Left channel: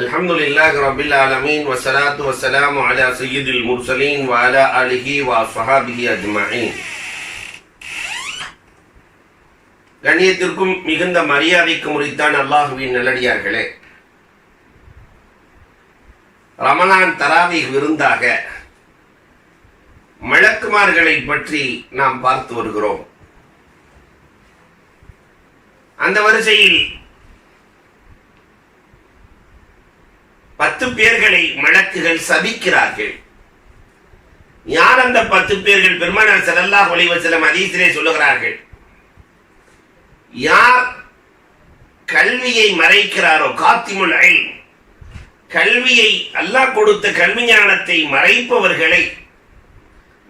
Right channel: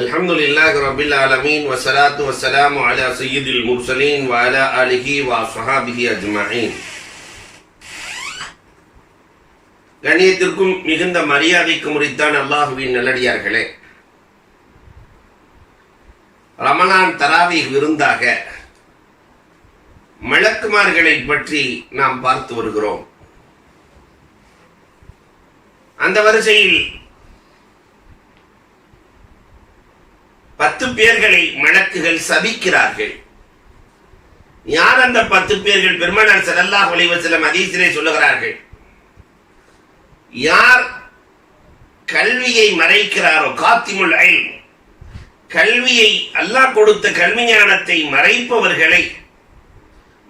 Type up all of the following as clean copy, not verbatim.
Alhamdulillah Rabbil Alamin wa salatu wa salamu ala sayyidil mursalin wa ala alihi wa sahabihi ajma'in. கண்ணியத்திற்கும் மிகுந்த மரியாதைக்கு முறித்தான் அல்லாஹுவின் நல்லடியார்களே, ரமலான் தராவீஹ் விருந்தாக மலக்குமார்களை பற்றி நாம் பார்த்து வருகிறோம். அந்த வரிசையில் 10 பேர்களை மலக்குகள் சபிக்கிறார்கள். யார் அந்த 10 பேர்கள்? பெருமானார் ஸல்லல்லாஹு அலைஹி வஸல்லம் ஹதீஸிலே சொல்லுகிறார்கள், யார் கல்வியை மறைக்கிறாரோ, காத்திமுல் இல்ம், கல்வியை அல்லாஹ் கொடுத்த கல்வி ஞானத்தை மறைப்பவர்களை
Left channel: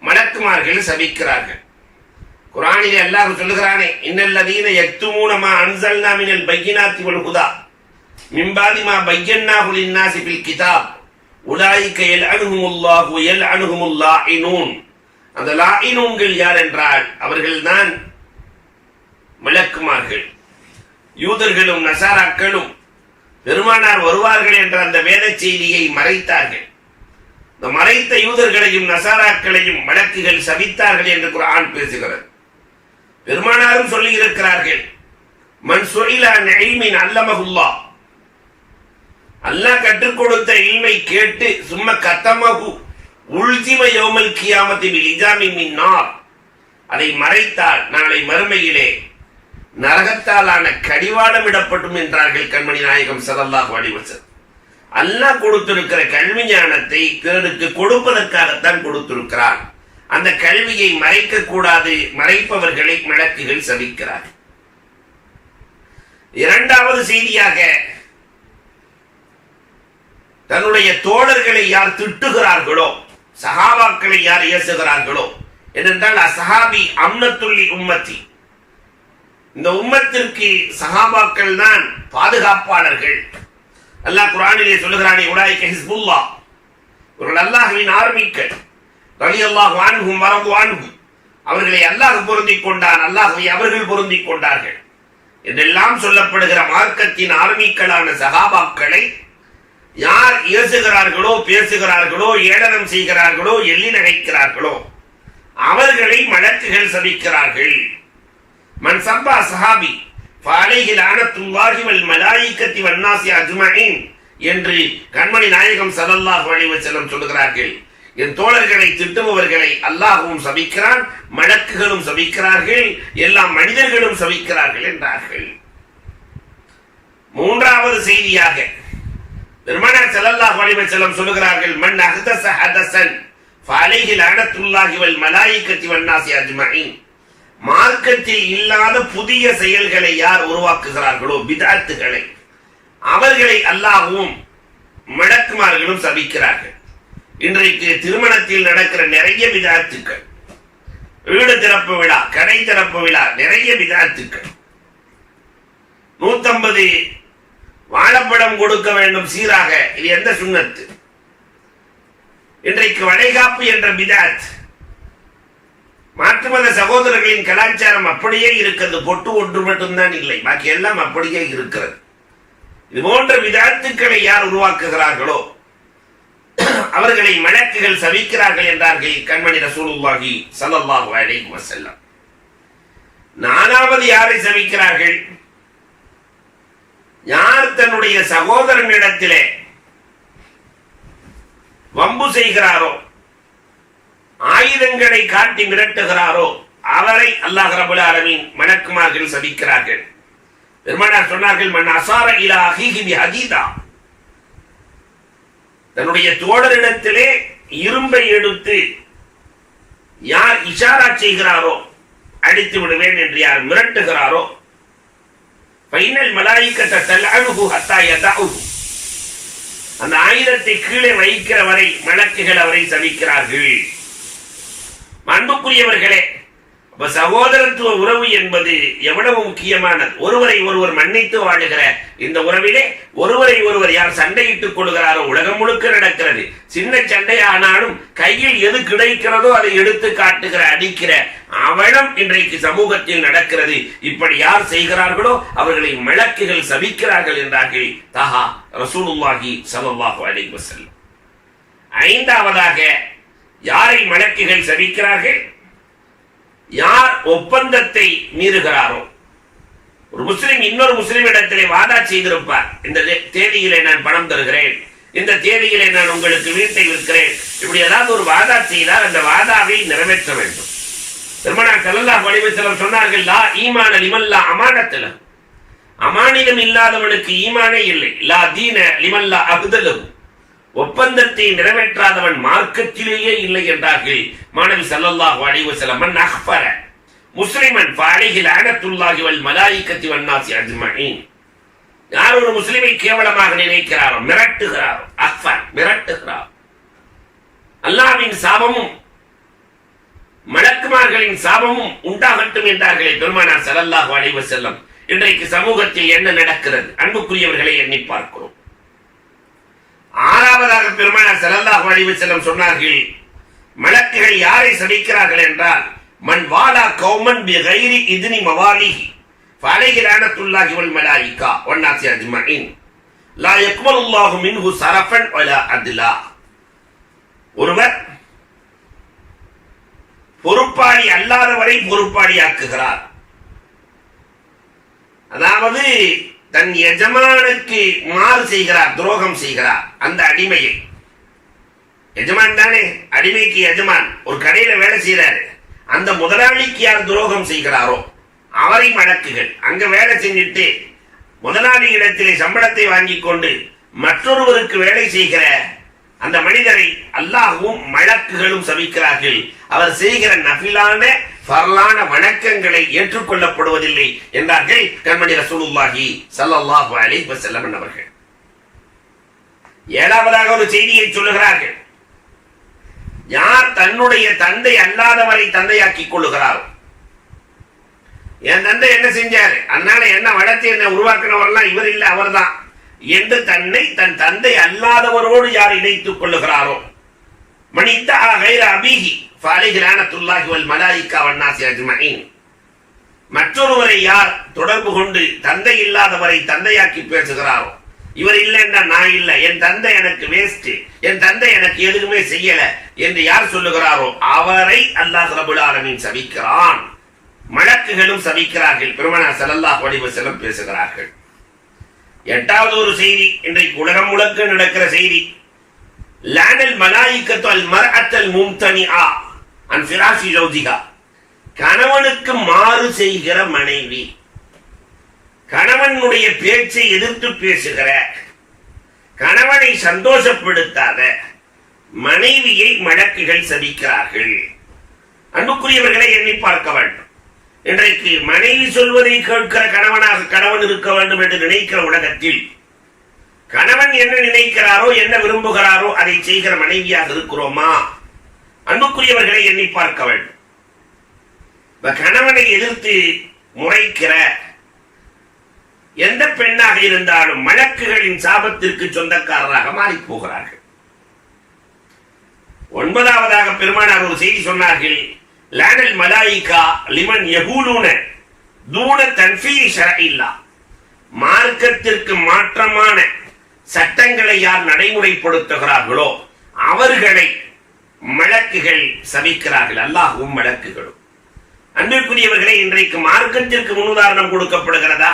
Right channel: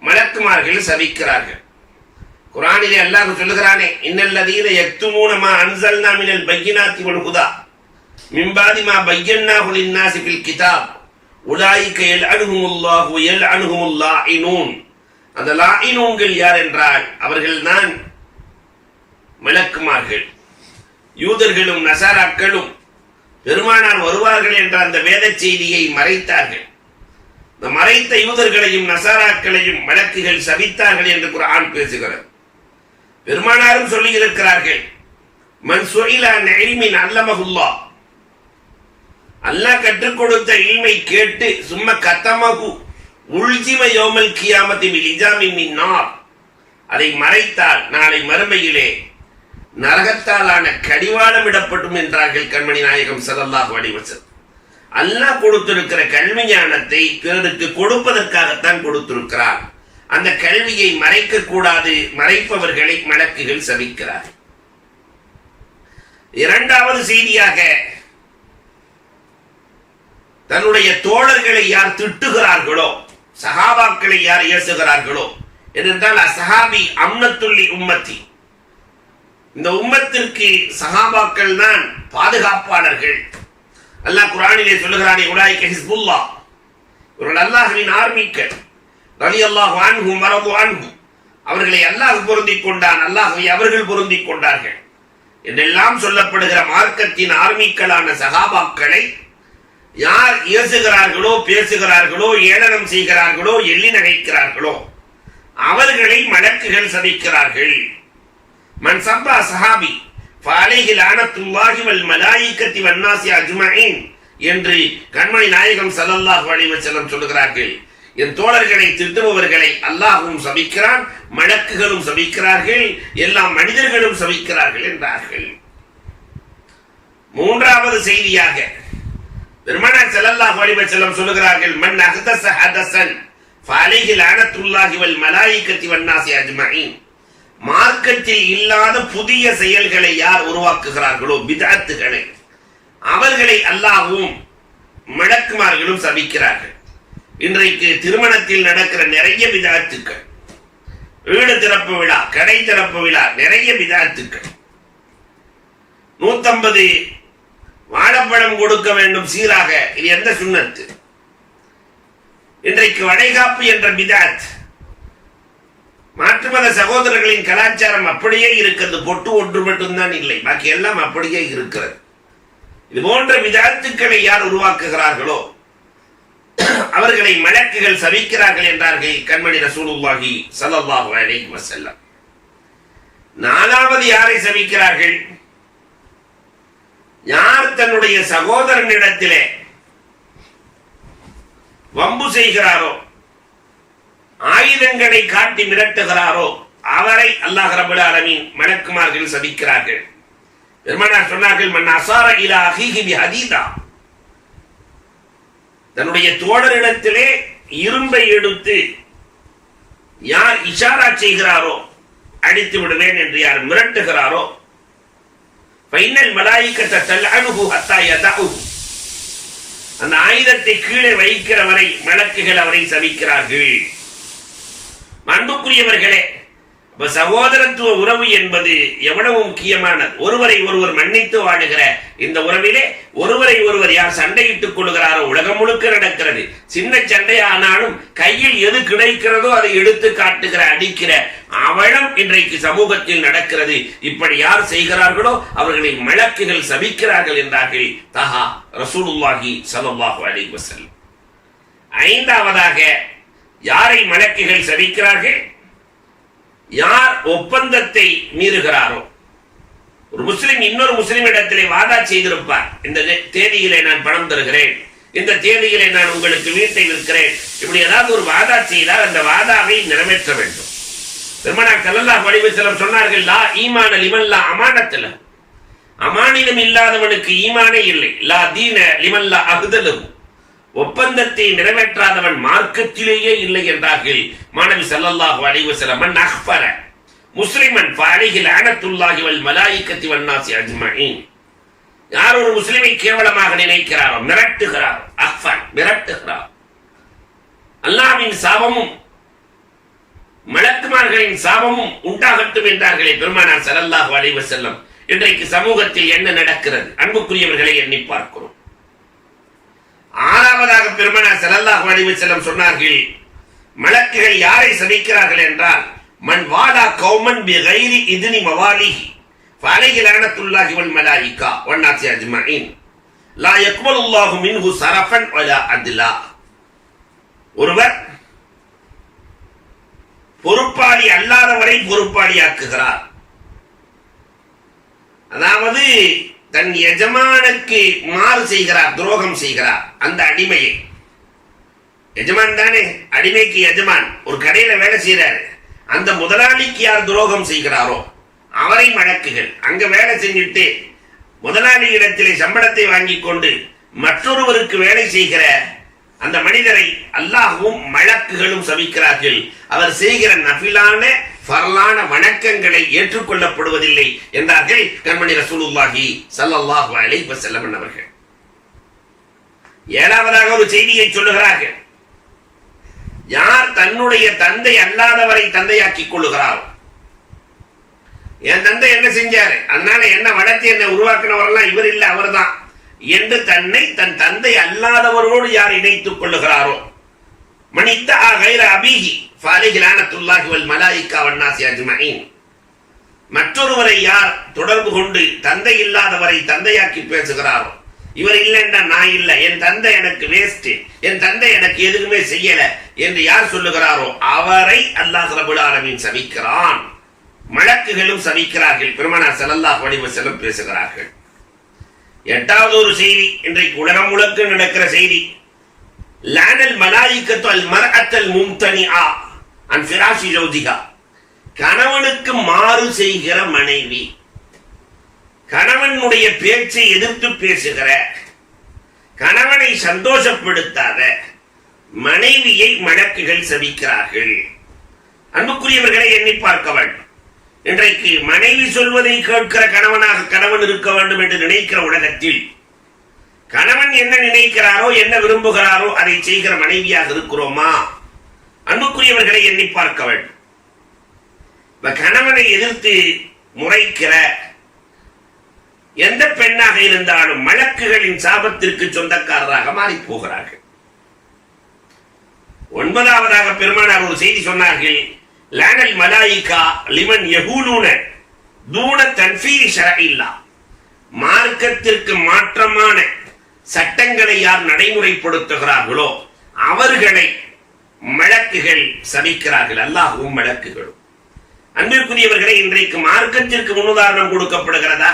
மலக்குமார்கள் சபிக்கிறார்கள். குர்ஆனிலே அல்லாஹ் சொல்லுகிறானே, இன்னல்லதீன யக்துமூன மா அன்ஸல்னா மினல் பையினாத்தி வல் ஹுதா மின் பாதி மா பையன்னாஹு லின்னாஸி ஃபில் கிதாப் உலாயிக யல்அனுஹுமுல்லாஹு வ யல்அனுஹுமுல் லாயினூன். அந்த லாயினூன்கள் யார் என்றால் அவர்கள்தான் மலக்குமார்கள். யூதர்களும் நசாராக்களும் பெருமானார் வருவார்கள் என்ற அந்த வேத செய்தியை மறைத்தார்கள். இந்த மறைத்த யூதர்களையும் நசாராக்களையும் மலக்குகள் சபித்தார்கள் என்று குர்ஆன் பேசுகிறது. பெருமானாரும் சொல்லி இருக்கிறார்கள், மன் சுஇல அன் இல்மின் அல்லமஹுல்லாஹ், அல்லாஹ் கற்றுக் கொடுத்த இல்மை கேட்டு சும்ம கத்தமஹு உல்ஜிம யௌமல் கியாமத்தி பில் இஜாமி மின் நார், அதை மறைத்தால் நாளை மறுமையிலே நரகத்தாலான கடிவாளம் இடப்படும் என்றார்கள் கண்மணி நாயகம் ஸல்லல்லாஹு அலைஹி வஸல்லம். அல்லாஹ் கொடுத்திருக்கிற கல்வி ஞானத்தை பிறருக்கு கொடுப்பதற்காகத்தான் கொடுத்திருக்கிறார். அந்த கல்வியை மறைக்க கூடாது, மறைப்பவர்களை மலக்குகள் சபிக்கிறார். இரண்டாவது செய்தியாக, தன்னுடைய தோழர்களை யார் திட்டுகிறார்களோ, சஹாபாக்களை யார் ஏசுகிறார்களோ, ஏனென்றால் அஸ்ஹாபி அம்னத்துல்லி உம்மத்தி, இந்த உம்மத்திற்கு சஹாபாக்கள் தான் பாதுகாப்பாளர்கள். அல்லாஹ் குர்ஆனிலே சொல்லுகிறானே, உலாயிக ஹிஸ்புல்லாஹ், இவர்கள் அல்லாஹ்வின் ஆர்மிகள், ரலியல்லாஹு அன்ஹும் வரது அன்ஹு, அவர்களை அல்லாஹ் பொருந்திக் கொண்டான், அல்லாஹ்வை அவர்கள் பொருந்திக் கொண்டார்கள் என்றெல்லாம் சொல்லப்படுகிற மார்க்கத்தின் ஆர்மிக்களான சஹாபாக்களை யார் ஏசுகிறார்களோ, பேசுகிறார்களோ, ஏளனம் செய்கிறார்களோ, எள்ளி நகைக்கிறார்களோ அவர்களை மலக்குகள் சபிக்கிறார்கள். மன் சப்பா சஹாபி ஃபஅலைஹி லஅனத்துல்லாஹி வல் மலாயிகத்தி வன் நாஸி அஜ்மஈன் என்று கண்மணி நாயகம் ஸல்லல்லாஹு அலைஹி வஸல்லம் சொல்லுகிறார்கள். என் தோழர்களை திட்டுபவர்களை அல்லாஹ்வும் சபிக்கிறான், மலக்குகளும் சபிக்கிறார்கள், எல்லா மனிதர்களும் சபிக்கிறார்கள் என்றார்கள். மூன்றாவது செய்தியாக பெருமானார் ஸல்லல்லாஹு அலைஹி வஸல்லம் சொல்லுகிறார்கள், மன் அஹ்தஸ ஹதஸன் ஃபஅலைஹி லஅனத்துல்லாஹி வல் மலாயிகத்தி வன் நாஸி அஜ்மஈன், மார்க்கத்தில் இல்லாத புதிய செயல்களை யார் உருவாக்குகிறார்களோ, பிதஅத்துகளை, அவர்களை அல்லாஹ்வும் மலக்குமார்களும் சபிக்கிறார்கள். இன்றைக்கு திருமணத்தில் நடக்கிற நிறைய பிதஅத்துக்கள், வீடு திறப்பு விழா, கடை திறப்பு விழா, நிறைய பிதஅத்துக்கள். 150 வாழைப்பழம் கொடுக்க வேண்டும் சீராக, இது எந்த சுன்னத்து? இன்றைக்கு வளைகாப்பு என்ற பிதஅத். மாற்று மத சகோதரர்களின் கலாச்சாரம் அப்படியே இருக்கிறது, பொட்டு ஒன்று மட்டும்தான் இல்லை, பாக்கி எல்லாம் அப்படியே இருக்கிறது. இது போன்ற பிதஅத்துக்களை யார் உருவாக்குகிறார்களோ அவர்களை மலக்குகள் சபிக்கிறார்கள் என்றார்கள் கண்மணி ரசூலுல்லாஹி ஸல்லல்லாஹு அலைஹி வஸல்லம். நாலாவது யாரை சபிக்கிறார்கள்? யார் தன்னுடைய சகோதரனிடத்திலே வம்பு செய்கிறாரோ, ஆயுதங்களை காட்டி மிரட்டுகிறாரோ அவரை அல்லாஹ் ரப்பல் ஆலமீன் மலக்குமார்கள் சபிக்கிறார்கள். பெருமானார் சொன்னார்கள், மன் அஸார இலா அஹீஹி பிஹதீதா, தன்னுடைய தோழரிடத்திலே இரும்பை எடுத்து யார் இஷாரா செய்கிறாரோ, அடித்து விடுவேன் என்று யார் மிரட்டுகிறாரோ, ஃபைனல் மலாயிகத தல்அனுஹு ஹத்தா யதஉ, அந்த ஆயுதத்தை கீழே வைக்கிற வரை மலக்குகள் அவரை சபிக்கிறார்கள். அன்புக்குரியவர்களே, சகோதரத்துவ உறவு என்பது எவ்வளவு முக்கியமானது. ஒருவரை ஒருவர் மன்னித்து வாழுகிற இந்த உறவிலே ஒருவரை ஒருவர் யார் சண்டையிட்டுக் கொள்கிறாரோ உலகம் முழுக்க நடக்கிறது. சின்ன சண்டை ஆனாலும் கையில் எது கிடைக்கிறதோ அதை எடுத்து காட்டுகிற அடிக்கிற அவலம் இன்றைக்கு சமூகத்தில் நடக்கிறது. இப்படி யார் செய்கிறார்களோ அவர்களை மலக்குகள் சபிக்கிறார்கள் என்றார்கள் தஹா ரசூலுல்லாஹி ஸல்லல்லாஹு அலைஹி வஸல்லம். ஐந்தாவதாக யாரை மலக்குகள் சபிக்கிறார்கள்? யார் ஒப்பந்தத்தை மீறுகிறாரோ. ஒரு முஸ்லிம் இன்னொரு முஸ்லிம் இடத்திலே வாதா செய்திருப்பார், இந்த தேதியிலே நான் பணம் தருகிறேன், இந்த தேதியிலே நான் உங்களுக்கு வீட்டை விற்கிறேன், இப்படி ஏதாவது ஒரு வாதா செய்தால் அந்த வாதாவை நிறைவேற்ற வேண்டும். பெருமானார் ஸல்லல்லாஹு அலைஹி வஸல்லம் சொன்னார்கள், லா ஈமான லிமன் லா அமானத் லஹு, அமானிதம் இல்லாதவனுக்கு ஈமானே இல்லை. லா தீன லிமன் லா அஹ்தலஹு, ஒப்பந்தத்தை நிறைவேற்றாதவன் மார்க்கத்திலேயே இல்லை என்றார்கள் மாணவி ஸல்லல்லாஹு அலைஹி வஸல்லம். மன் அக்ஃபர முஸ்லிமன் ஃபஅலைஹி லஅனத்துல்லாஹி வல் மலாயிகத்தி வன் நாஸி அஜ்மஈன். யார் ஒரு முஸ்லிமை கேவலமாக நினைக்கிறாரோ, மிரட்டுகிறாரோ, அக்ஃபர் மிரட்டுகிறார், அல்லாஹ்வின் சாபமும் மலக்குமார்களின் சாபமும் உண்டாகட்டும் என்றார்களே பெருமானார் ஸல்லல்லாஹு அலைஹி வஸல்லம். இன்றைக்கு சமூகத்தில் என்ன நடக்கிறது? அன்புக்குரியவர்களை எண்ணி பார்க்கிறோம். ஆறாவதாக பெருமானார் ஸல்லல்லாஹு அலைஹி வஸல்லம் சொன்னார்கள், மலக்குகள் யாரை சபிக்கிறார்கள் என்றால், மன் வாலா கௌமன் பிகைரி இத்னி மவாலிஹி ஃபஅலைஹி லஅனத்துல்லாஹி வல் மலாயிகா வன் நாஸி அஜ்மஈன் லா யக்பலுல்லாஹு மின்ஹு ஸரஃபன் வலா அத்லா. ஒருவர் பொறுப்பாளி அல்லாதவரை பொறுப்பாளியாக்குகிறார். அதாவது தன் எஜமானுக்கு மாறு செய்கிறார், துரோகம் செய்கிறார். அந்த அடிமையை, எஜமான் தானே அடிமைக்கு எஜமான், ஒரு கடையில வேலை செய்யறாரு, அந்த முதலாளிக்கு யார் துரோகம் செய்கிறாரோ அவரை மலக்குகள் அங்க வேலை செஞ்சுட்டு முதலாளி இடத்திலே சம்பளத்தை வாங்கி கொண்டு மற்றொருவருக்கு வேலை செய்கிற அந்த மனிதரை அல்லாஹ்வும் மலக்குகளும் சபிக்கிறார்கள். அவர் செய்கிற நஃபிலான ஃபர்லான வணக்கங்களை ஏற்றுக்கொள்ளப்படுவதில்லை என்றார்கள் கண்மணி ரசூலுல்லாஹி ஸல்லல்லாஹு அலைஹி வஸல்லம் அவர்கள். ஏழாவதாக ஒரு செய்தியை சொல்லுகிறார்கள், யார் தன்னுடைய தந்தை அல்லாதவரை தந்தையாக்கிக் கொள்ளுகிறாரோ, என் தந்தை என்ன செஞ்சாரு, அதனால என்ன வளர்த்து என்ன உருவாக்கினவரெல்லாம் இவர் இல்லை அவர்தான் என்று தன்னை தன் தந்தை அல்லாதவரோடு யார் இணைத்துக் கொள்ளுகிறாரோ, மனிதா கைர அபிஹி ஃபஅலைஹி லஅனத்துல்லாஹி வல் மலாயிகா வன் நாஸி அஜ்மஈன், மற்றொருவரை யார் தொடர்பு கொண்டு தந்தை இல்லாதவரை தந்தையாக்கி பேசுகிறாரோ, இவர் இல்லை என்றா நான் இல்லை, என் தந்தை எனக்கு வேஸ்ட், என் தந்தை எனக்கு எதுவுமே செய்யல என்று யார் சொல்லுகிறாரோ அவரை அல்லாஹ் ரப்பல் ஆலமீன் சபிக்கிறான். மலக்குகளும் சபிக்கிறார்கள். பெருமானார் ஸல்லல்லாஹு அலைஹி வஸல்லம் பேசுகிறார்கள். எட்டாவது ஒரு செய்தி, இன்றைக்கு உலகம் முழுக்க நடக்கிற செய்தி, லானல் மலாயிகத்து அல் மர்அத்தல் மும்தனிஆ அன் ஃபிராஷி ஜௌஜிஹா, கணவனுக்கு மாறு செய்கிற மனைவி, கணவனுடைய பேச்சை எதிர்த்து பேசுகிற, கணவனை சந்தோஷப்படுத்தாத மனைவியை மலக்குகள் சபிக்கிறார்கள். அன்புக்குரியவர்களை எண்ணி பார்க்க வேண்டும். இன்றைக்கு மனைவி சொல்வதை கேட்கிற கணவனாக கணவன் இருக்க வேண்டும் என்று நினைக்கிற உலகத்தில் கணவன் என்ன நினைக்கிறாரோ என்ன விரும்புகிறாரோ அதை செய்கிற மனைவியாக இருக்கிறோமா? அன்புக்குரியவர்களை எண்ணி பார்க்க வேண்டும். கணவனை எதிர்த்து முறைக்கிற எந்த பெண்ணாக இருந்தாலும் மலக்குகளின் சாபத்திற்கு சொந்தக்காரராக மாறி போகிறார்கள். ஒன்பதாவதாக பெருமானார் ஒரு செய்தி சொன்னார்கள், லானல் மலாயிகா லிமன் யகூலுன தூன தன்ஃபீரி ஷரஇல்லா, மார்க்கத்திற்கு மாற்றமான சட்டங்களை யார் நடைமுறைப்படுத்துகிறார்களோ அவர்களை மலக்குகள் சபிக்கிறார்கள், அல்லாஹ்வும் மலக்குகளும். அன்பிற்குரியவர்களை, இன்றைக்கு மார்க்கத்திற்கு முன்னுதாரணம் கொடுக்கப்படுகிறதா?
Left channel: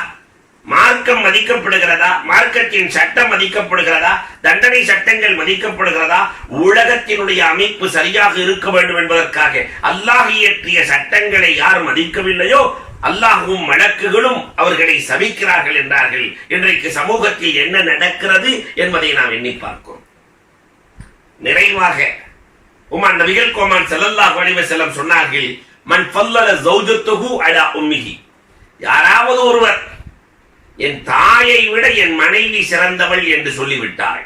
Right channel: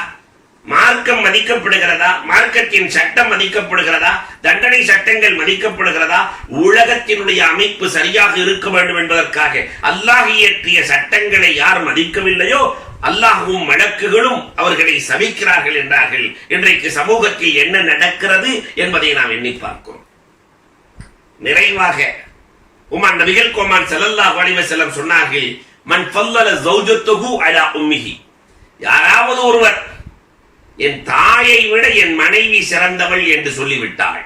மார்க்கம் மதிக்கப்படுகிறதா? மார்க்கத்தின் சட்டம் மதிக்கப்படுகிறதா? தண்டனை சட்டங்கள் மதிக்கப்படுகிறதா? உலகத்தினுடைய அமைப்பு சரியாக இருக்க வேண்டும் என்பதற்காக அல்லாஹ் இயற்றிய சட்டங்களை யார் மதிக்கவில்லையோ அல்லாஹ்வும் மலக்குகளும் அவர்களை சபிக்கிறார்கள் என்றார்கள். இன்றைக்கு சமூகத்தில் என்ன நடக்கிறது என்பதை நாம் எண்ணி பார்க்கிறோம். நிறைவாக உமர் நபிகள் கோமான் ஸல்லல்லாஹு அலைஹி வஸல்லம் சொன்னார்கள், மன் ஃபல்லல ஜௌஜத்துஹு அலா உம்மிஹி, யாராவது ஒருவர் என் தாயை விட என் மனைவி சிறந்தவள் என்று சொல்லிவிட்டாள்,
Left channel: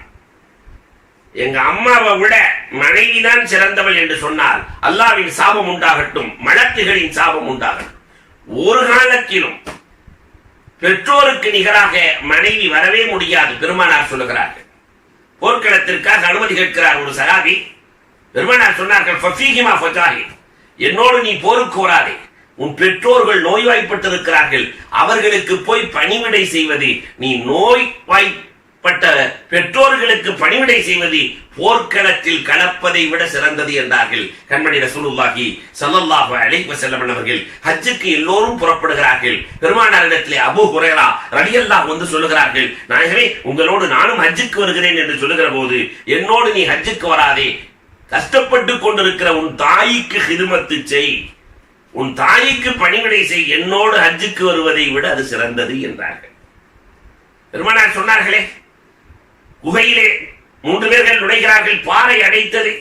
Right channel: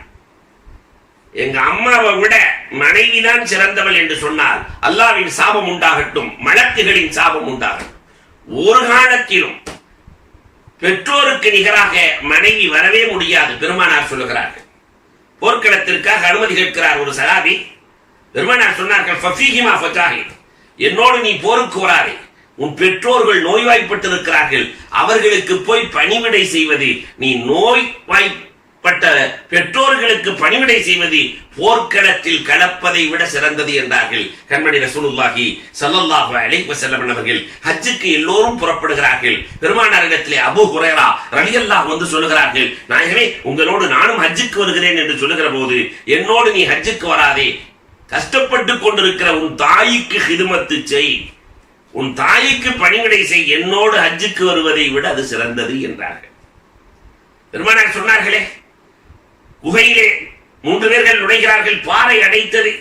எங்க அம்மாவை விட மனைவிதான் சிறந்தவள் என்று சொன்னால் அல்லாஹ்வின் சாபம் உண்டாகட்டும், மலக்குகளின் சாபம் உண்டாகட்டும். ஒரு காலத்திலும் பெற்றோருக்கு நிகராக மனைவி வரவே முடியாது. பெருமானார் சொல்லுகிறார்கள். போர்க்களத்திற்காக அனுமதி கேட்கிறார் ஒரு சகாபி. பெருமானார் சொன்னார்கள், ஃபஃபீஹிமா ஃபஜாஹித், என்னோடு நீ போருக்கு வராதே, உன் பெற்றோர்கள் நோய்வாய்ப்பட்டிருக்கிறார்கள், அவர்களுக்கு போய் பணிவிடை செய்வது, நீ நோய்வாய்ப்பட்ட பெற்றோர்களுக்கு பணிவிடை செய்வது போர்க்களத்தில் கலப்பதை விட சிறந்தது என்றார்கள் கண்மணி ரசூலுல்லாஹி ஸல்லல்லாஹு அலைஹி வஸல்லம் அவர்கள். ஹஜ்ஜுக்கு எல்லோரும் புறப்படுகிறார்கள். பெருமானாரிடத்திலே அபூ ஹுரைரா ரலியல்லாஹு வந்து சொல்லுகிறார்கள், நாயகமே உங்களோடு நானும் ஹஜ்ஜுக்கு வருகிறேன் என்று சொல்லுகிற போது, என்னோடு நீ ஹஜ்ஜுக்கு வராதே, கஷ்டப்பட்டு கொண்டிருக்கிற உன் தாய்க்கு ஹிதுமத்து செய், உன் தாய்க்கு பணிவிடை செய், என்னோடு ஹஜ்ஜுக்கு வருவதை விட அது சிறந்தது என்றார்கள். பெருமானார் சொன்னார்களே, குகையிலே 3 பேர்கள் நுழைகிறார்கள், பாறை அடைத்தது.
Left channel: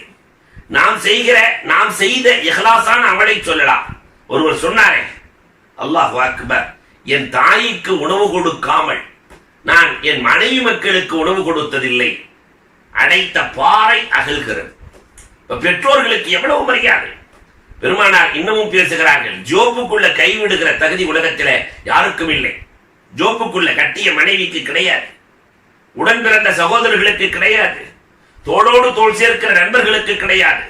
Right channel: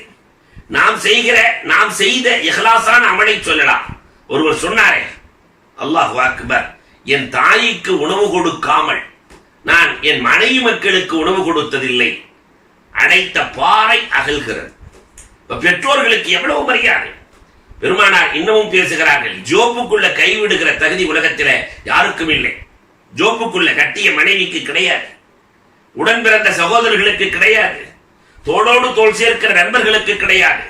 நாம் செய்த இஹ்லாஸான அமலை சொல்லலாம். ஒருவர் சொன்னாரே, அல்லாஹ் அக்பர், என் தாய்க்கு உணவு கொடுக்காமல் நான் என் மனைவி மக்களுக்கு உணவு கொடுத்ததில்லை, அடைத்த பாறை அகல்கிறது. பெற்றோர்களுக்கு எவ்வளவு மரியாதை. பெருமானார் இன்னமும் பேசுகிறார்கள், ஜோப்புக்குள்ள கைவிடுகிற தகுதி உலகத்தில் யாருக்கும் இல்லை. ஜோப்புக்குள்ள கட்டிய மனைவிக்கு கிடையாது, உடன் பிறந்த சகோதரர்களுக்கு கிடையாது, தோளோடு தோள் சேர்க்கிற நண்பர்களுக்கு கிடையாது.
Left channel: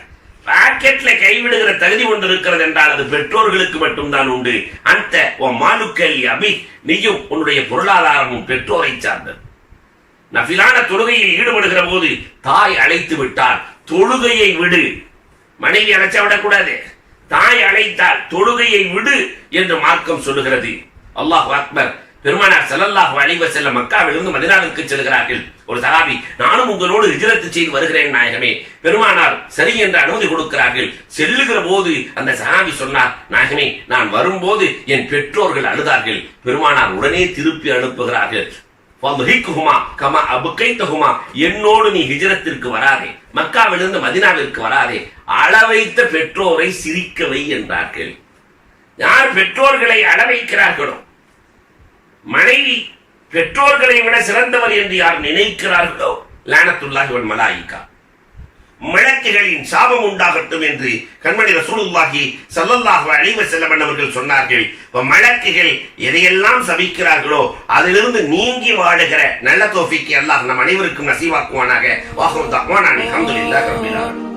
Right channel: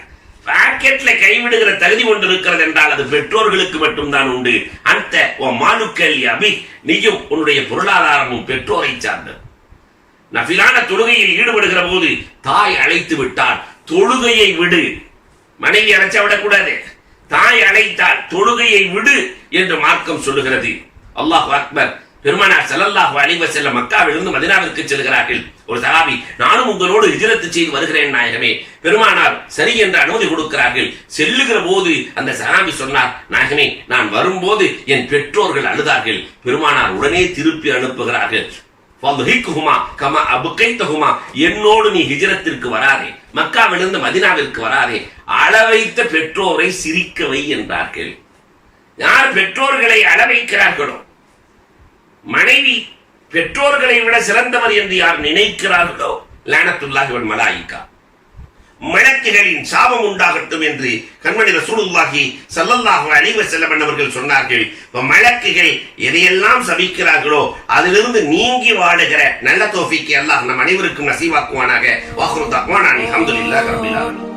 பாக்கெட்ல கைவிடுகிற தகுதி ஒன்று இருக்கிறது என்றால் அது பெற்றோர்களுக்கு மட்டும்தான் உண்டு. அந்த மாலுக்கல் அபி, நீயும் உன்னுடைய பொருளாதாரமும் பெற்றோரை சார்ந்தது. நஃபிலான தொழுகையில் ஈடுபடுகிற போது தாய் அழைத்து விட்டால் தொழுகையை விடு, மனைவி அழைச்சா விடக்கூடாது. தாய் அழைத்தால் தொழுகையை விடு என்று மார்க்கம் சொல்லுகிறது. அல்லாஹ் அக்பர். பெருமானார் ஸல்லல்லாஹு அலைஹி வஸல்லம் மக்காவிலிருந்து மதீனாவிற்கு செல்கிறார்கள். ஒரு சஹாபி, நானும் உங்களோடு ஹிஜ்ரத் செய்து வருகிறேன் நாயகமே. பெருமானார் சரி என்று அனுமதி கொடுக்கிறார்கள். செல்லுகிற போது அந்த சஹாபி சொன்னார், நாயகமே நான் வரும்போது என் பெற்றோர்கள் அழுதார்கள். பெருமானார் உடனே திருப்பி அனுப்புகிறார்கள், என்னோடு நீ ஹிஜ்ரத்திற்கு வராதே, மக்காவிலிருந்து மதீனாவிற்கு வராதே, அளவைத்த பெற்றோரை சிரிக்கவை என்றார்கள். யார் பெற்றோர்களை அளவைக்கிறார்களோ, மனைவி பெற்றோர்களை விட சிறந்தவர் என்று யார் நினைக்கிறார்களோ, லானத்துல்லாஹி வல் மலாயிகா, மலக்குகளின் சாபம் உண்டாகட்டும் என்று கண்மணி ரசூலுல்லாஹி ஸல்லல்லாஹு அலைஹி வஸல்லம் அவர்கள் சொன்னார்கள். மலக்குகள் எதையெல்லாம் சபிக்கிறார்களோ அதிலிருந்து நீங்கி வாழுகிற நல்ல தௌஃபீக்கை அல்லாஹ் நம் அனைவருக்கும் நசீவாக்குவானாக. வாஹிரு தஅவானா அல்ஹம்துலில்லாஹி ரப்பில் ஆலமீன்.